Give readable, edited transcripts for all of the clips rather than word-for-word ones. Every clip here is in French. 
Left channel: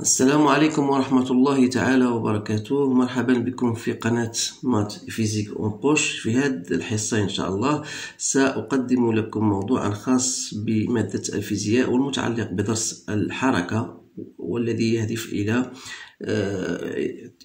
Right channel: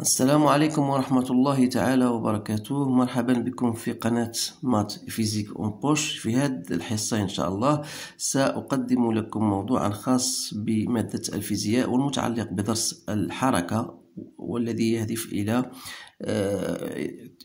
السلام عليكم ورحمة الله تعالى وبركاته. مرحبا بكم في قناة مات فيزيك اون بوش. في هذه الحصة إن شاء الله سأقدم لكم موضوعا خاص بمادة الفيزياء والمتعلق بدرس الحركة، والذي يهدف إلى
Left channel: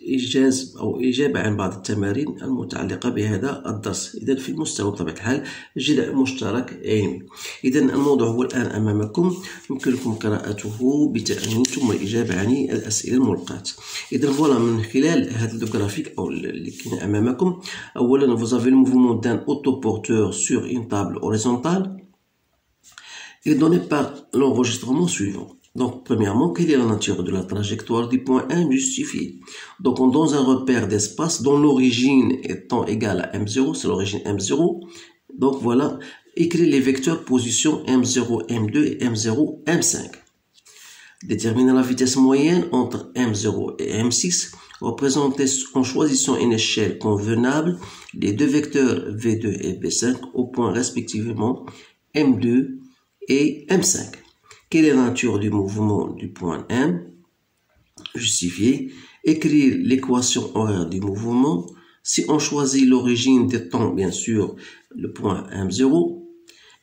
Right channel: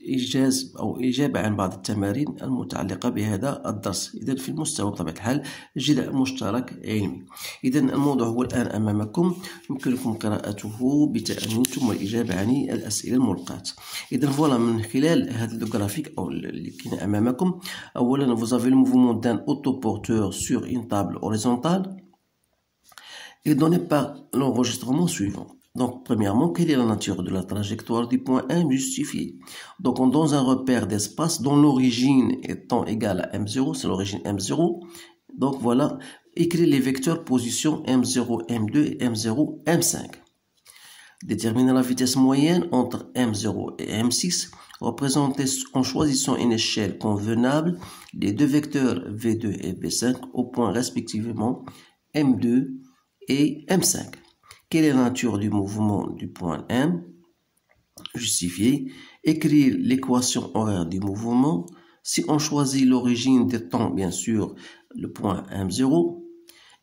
إيجاز أو إجابة عن بعض التمارين المتعلقة بهذا الدرس. إذا في المستوى بطبيعة الحال جداء مشترك علمي. إذا الموضوع هو الآن أمامكم، يمكنكم قراءته بتأني ثم الإجابة عن الأسئلة الملقاة. إذا فوالا من خلال هذا الجرافيك أو اللي كاين أمامكم، أولا vous avez le mouvement d'un autoporteur sur une table horizontale est donné par l'enregistrement suivant. Donc, premièrement, quelle est la nature de la trajectoire du point M justifiée? Donc, dans un repère d'espace dont l'origine étant égale à M0, c'est l'origine M0. Donc, voilà, écrire les vecteurs position M0, M2 et M0, M5. Déterminer la vitesse moyenne entre M0 et M6, représentée en choisissant une échelle convenable les deux vecteurs V2 et V5 au point respectivement M2 et M5. Quelle est la nature du mouvement du point M? Justifier. Écrire l'équation horaire du mouvement. Si on choisit l'origine des temps, bien sûr, le point M0.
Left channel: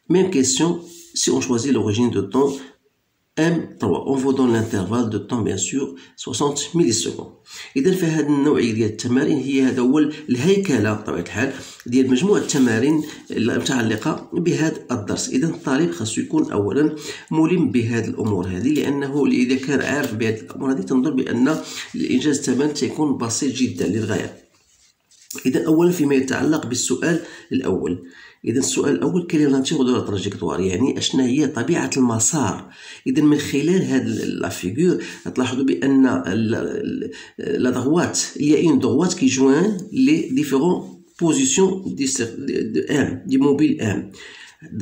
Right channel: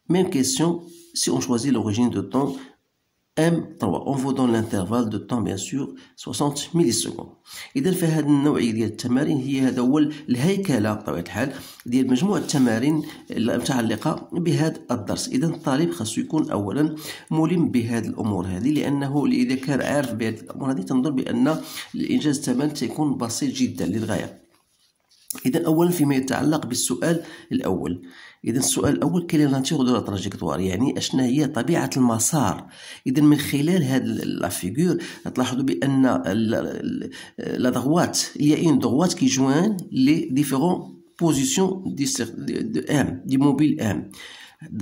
Même question, si on choisit l'origine de temps M3. On vous donne l'intervalle de temps bien sûr 60 مليسكوند. إذا فهذه النوعية ديال التمارين هذا هو الهيكلة بطبيعة الحال ديال مجموعة التمارين المتعلقة بهذا الدرس. إذا الطالب خاصو يكون أولا ملم بهذه الأمور هذه، لأنه إذا كان عارف بهذه الأمور هذه تنظر بأن الإنجاز التمارين سيكون بسيط جدا للغاية. إذا أولا فيما يتعلق بالسؤال الأول، إذا السؤال الأول كاين ناتيغ دو لا تراجيكتوار، يعني أشنا هي طبيعة المسار. إذا من خلال هاد لا فيغور تلاحظوا بأن لا دغوات il y a une droite qui joint les différentes positions de M, du mobile M.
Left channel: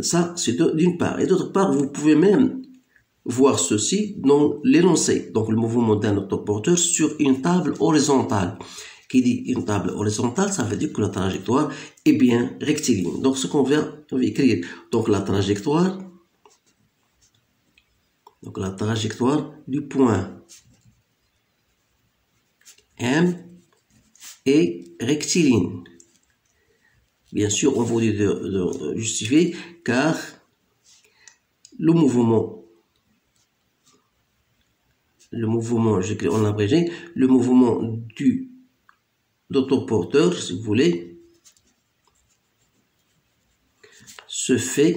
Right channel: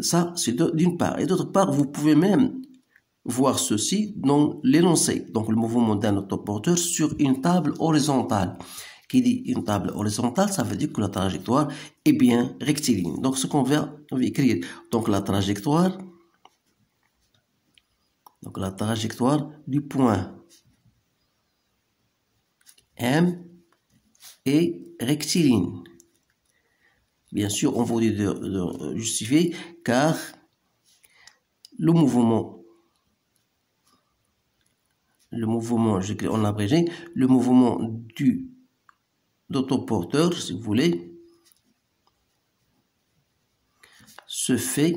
Ça, c'est d'une part. Et d'autre part, vous pouvez même voir ceci dans l'énoncé, donc le mouvement d'un autoporteur sur une table horizontale. Qui dit une table horizontale, ça veut dire que la trajectoire est bien rectiligne. Donc, ce qu'on va écrire, donc la trajectoire du point M est rectiligne. Bien sûr, on vous dit de justifier, car le mouvement, j'écris en abrégé, le mouvement d'autoporteur, si vous voulez, se fait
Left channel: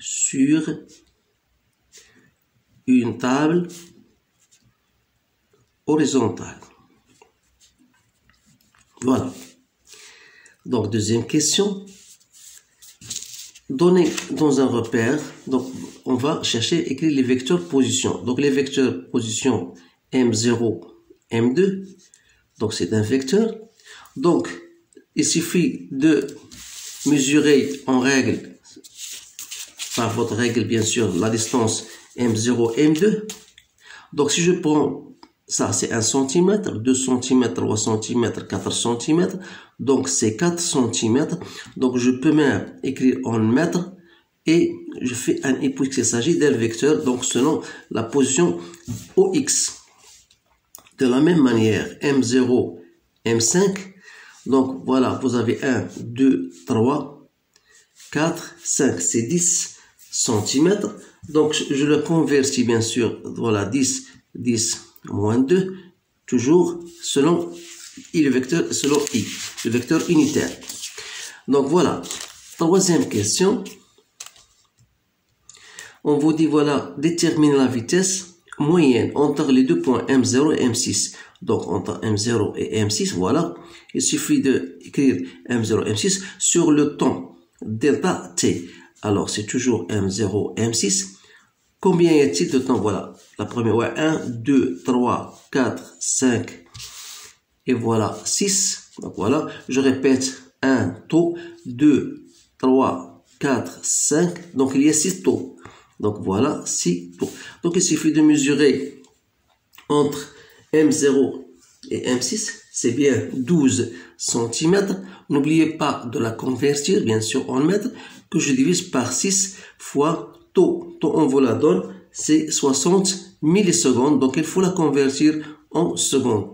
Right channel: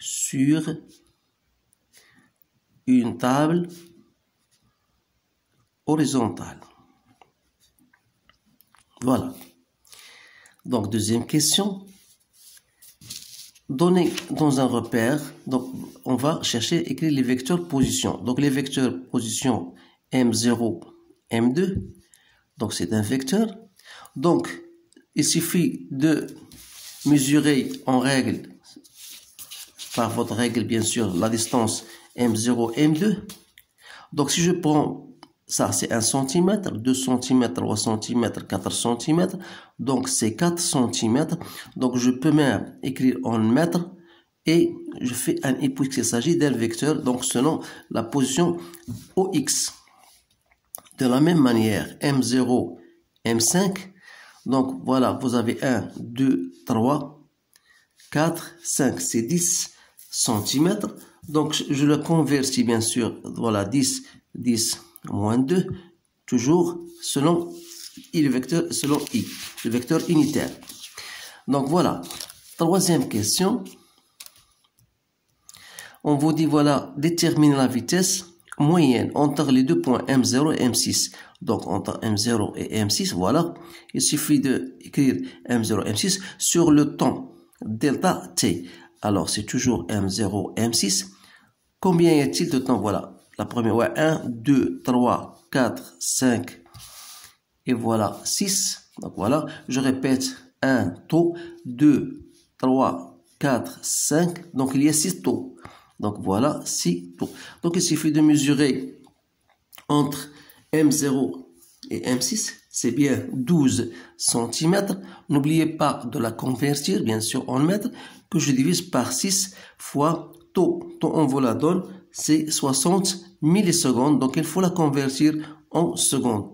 sur une table horizontale. Voilà. Donc, deuxième question. Donné dans un repère, donc on va chercher, écrire les vecteurs position. Donc, les vecteurs position M0, M2. Donc, c'est un vecteur. Donc, il suffit de mesurer en règle, par votre règle, bien sûr, la distance M0, M2. Donc, si je prends ça, c'est 1 cm, 2 cm, 3 cm, 4 cm. Donc, c'est 4 cm. Donc, je peux même écrire en mètres et je fais un puisqu'il s'agit d'un vecteur, donc selon la position OX. De la même manière, M0, M5, donc voilà, vous avez 1, 2, 3, 4, 5, c'est 10 cm. Donc je le convertis bien sûr, voilà, 10, 10, moins 2, toujours selon I, le vecteur, selon I, le vecteur unitaire. Donc voilà, troisième question. On vous dit, voilà, déterminer la vitesse moyenne entre les deux points M0 et M6. Donc, entre M0 et M6, voilà, il suffit d'écrire M0 et M6 sur le temps delta T. Alors, c'est toujours M0 et M6. Combien y a-t-il de temps? Voilà, la première, ouais, 1, 2, 3, 4, 5, et voilà, 6. Donc, voilà, je répète, 1 taux, 2, 3, 4, 5. Donc, il y a 6 taux. Donc voilà, 6 taux. Donc il suffit de mesurer entre M0 et M6, c'est bien 12 cm. N'oubliez pas de la convertir, bien sûr, en mètres, que je divise par 6 fois taux. Taux, on vous la donne, c'est 60 millisecondes. Donc, il faut la convertir en secondes.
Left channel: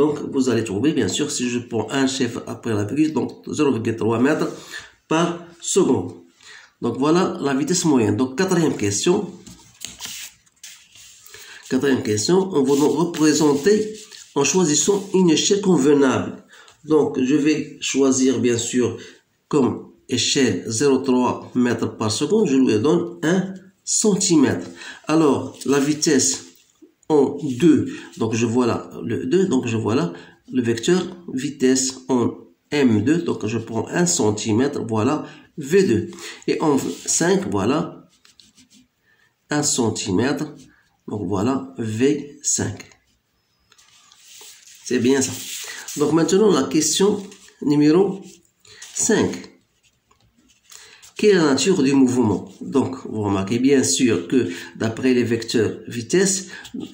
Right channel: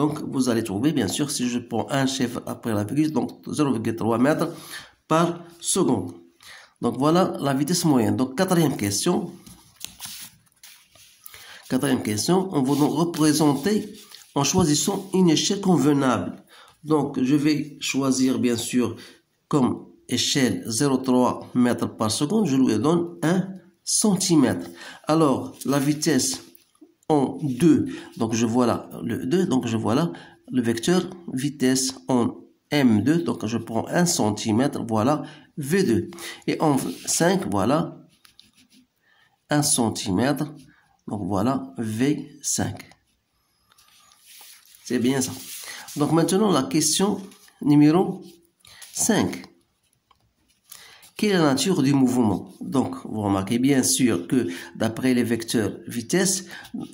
Donc, vous allez trouver, bien sûr, si je prends un chiffre après la virgule, donc 0,3 mètres par seconde. Donc, voilà la vitesse moyenne. Donc, quatrième question. Quatrième question, on va nous représenter en choisissant une échelle convenable. Donc, je vais choisir, bien sûr, comme échelle 0,3 mètres par seconde, je lui donne 1 centimètre. Alors, la vitesse en 2, donc je vois là le 2, donc je vois là le vecteur vitesse en M2, donc je prends 1 centimètre, voilà V2. Et en 5, voilà 1 centimètre, donc voilà V5. C'est bien ça. Donc maintenant la question numéro 5. Quelle est la nature du mouvement? Donc, vous remarquez bien sûr que d'après les vecteurs vitesse,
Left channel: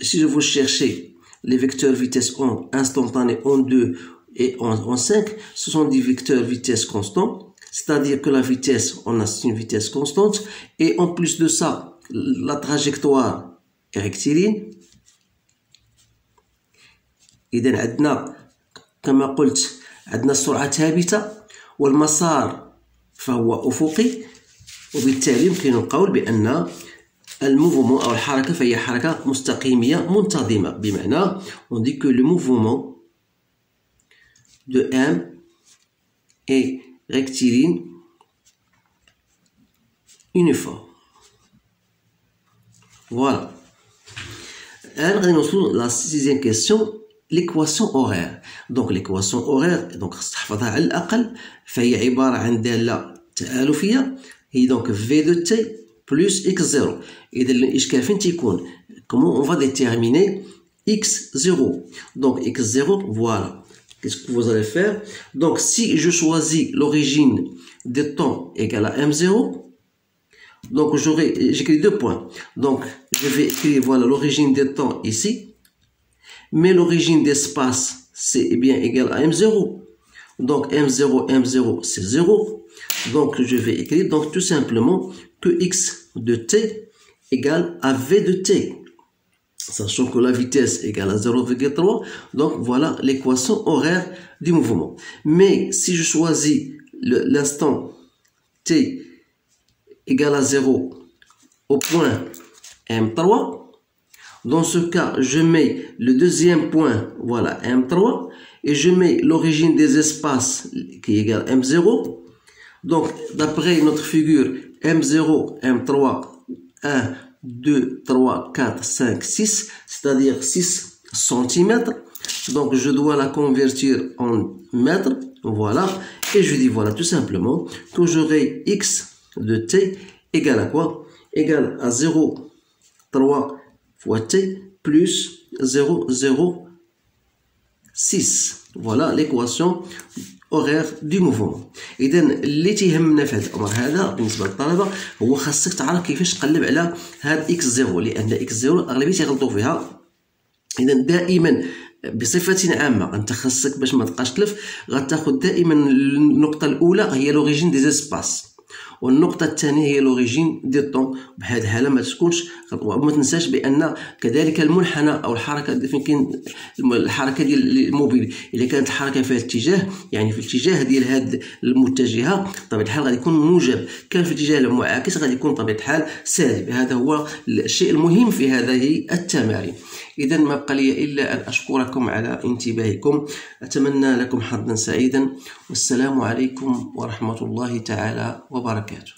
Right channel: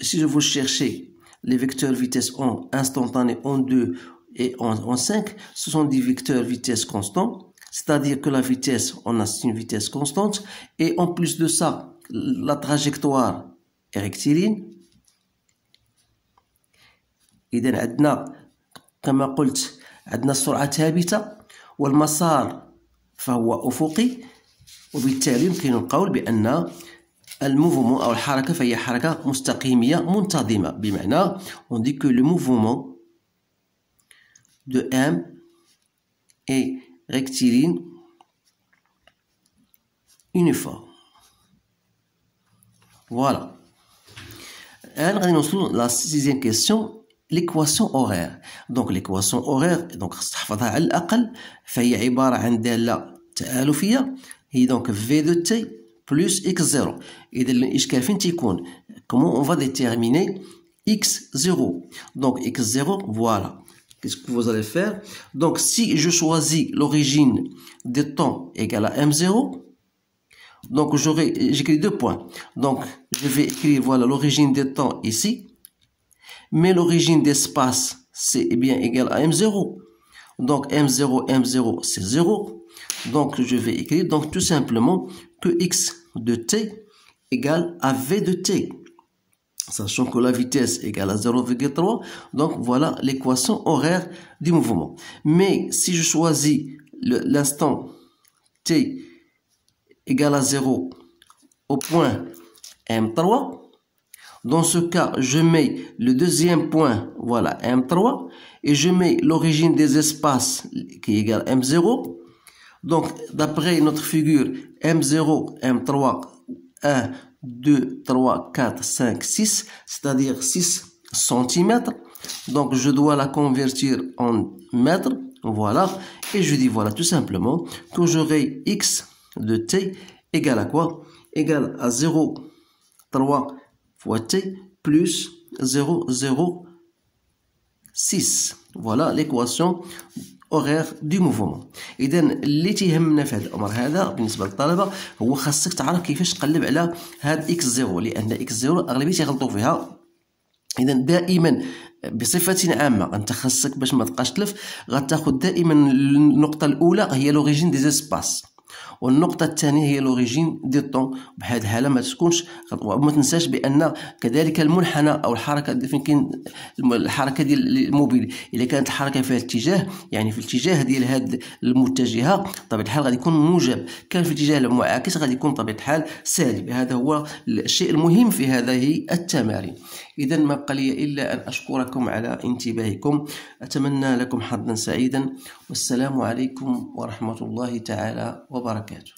si je vous cherchez les vecteurs vitesse en instantané, en 2 et en 5, ce sont des vecteurs vitesse constants, c'est-à-dire que la vitesse, on a une vitesse constante, et en plus de ça, la trajectoire est rectiligne. إذا عندنا كما قلت عندنا السرعة ثابتة والمسار فهو أفقي، وبالتالي يمكن القول بأن الموفمون أو الحركة فهي حركة مستقيمية منتظمة، بمعنى on dit que le mouvement de M est rectiligne uniforme. Voilà. الآن غادي نوصلوا لا sixième question. l'équation horaire. Donc l'équation horaire donc خصك تحفظها على الأقل، فهي عبارة عن دالة تآلفية، هي donc V de T plus X0. إذا الإشكال فين تيكون؟ comment on va déterminer X0? Donc X0, voilà. Qu'est-ce que vous allez faire? Donc si je choisis l'origine des temps égale à M0, donc j'écris 2 points. Donc je vais écrire voilà l'origine des temps ici. Mais l'origine d'espace, c'est bien égal à M0. Donc M0, M0, c'est 0. Donc je vais écrire donc tout simplement que X de T égale à V de T. Sachant que la vitesse égale à 0,3. Donc voilà l'équation horaire du mouvement. Mais si je choisis l'instant T égale à 0 au point M3, dans ce cas, je mets le deuxième point, voilà, M3, et je mets l'origine des espaces qui est égale à M0. Donc, d'après notre figure, M0, M3, 1, 2, 3, 4, 5, 6, c'est-à-dire 6 cm. Donc, je dois la convertir en mètres, voilà, et je dis, voilà, tout simplement, que j'aurai X de T égale à quoi? Égale à 0,3 fois T plus 0,06. Voilà l'équation horaire du mouvement. إذا اللي تيهمنا في هذا الأمر هذا بالنسبة للطلبة هو خاصك تعرف كيفاش تقلب على هاد X0، لأن X0 أغلبية تيغلطوا فيها. إذا دائما بصفة عامة أنت خاصك باش ما تبقاش تلف غتاخد دائما النقطة الأولى هي لوريجين دي زيسباس، والنقطة الثانية هي لوريجين دي طون. بهذه الحالة ما تكونش خطوة. وما تنساش بأن كذلك المنحنى أو الحركة فين كاين الحركة ديال الموبيل، إذا كانت الحركة فيها اتجاه يعني في الاتجاه ديال هاد المتجهة بطبيعة الحال غادي يكون موجب، كان في الاتجاه المعاكس غادي يكون بطبيعة الحال سالب. هذا هو الشيء المهم في هذه التمارين. إذا ما بقى لي إلا أن أشكركم على انتباهكم، أتمنى لكم حظا سعيدا، والسلام عليكم ورحمة الله تعالى وبركاته.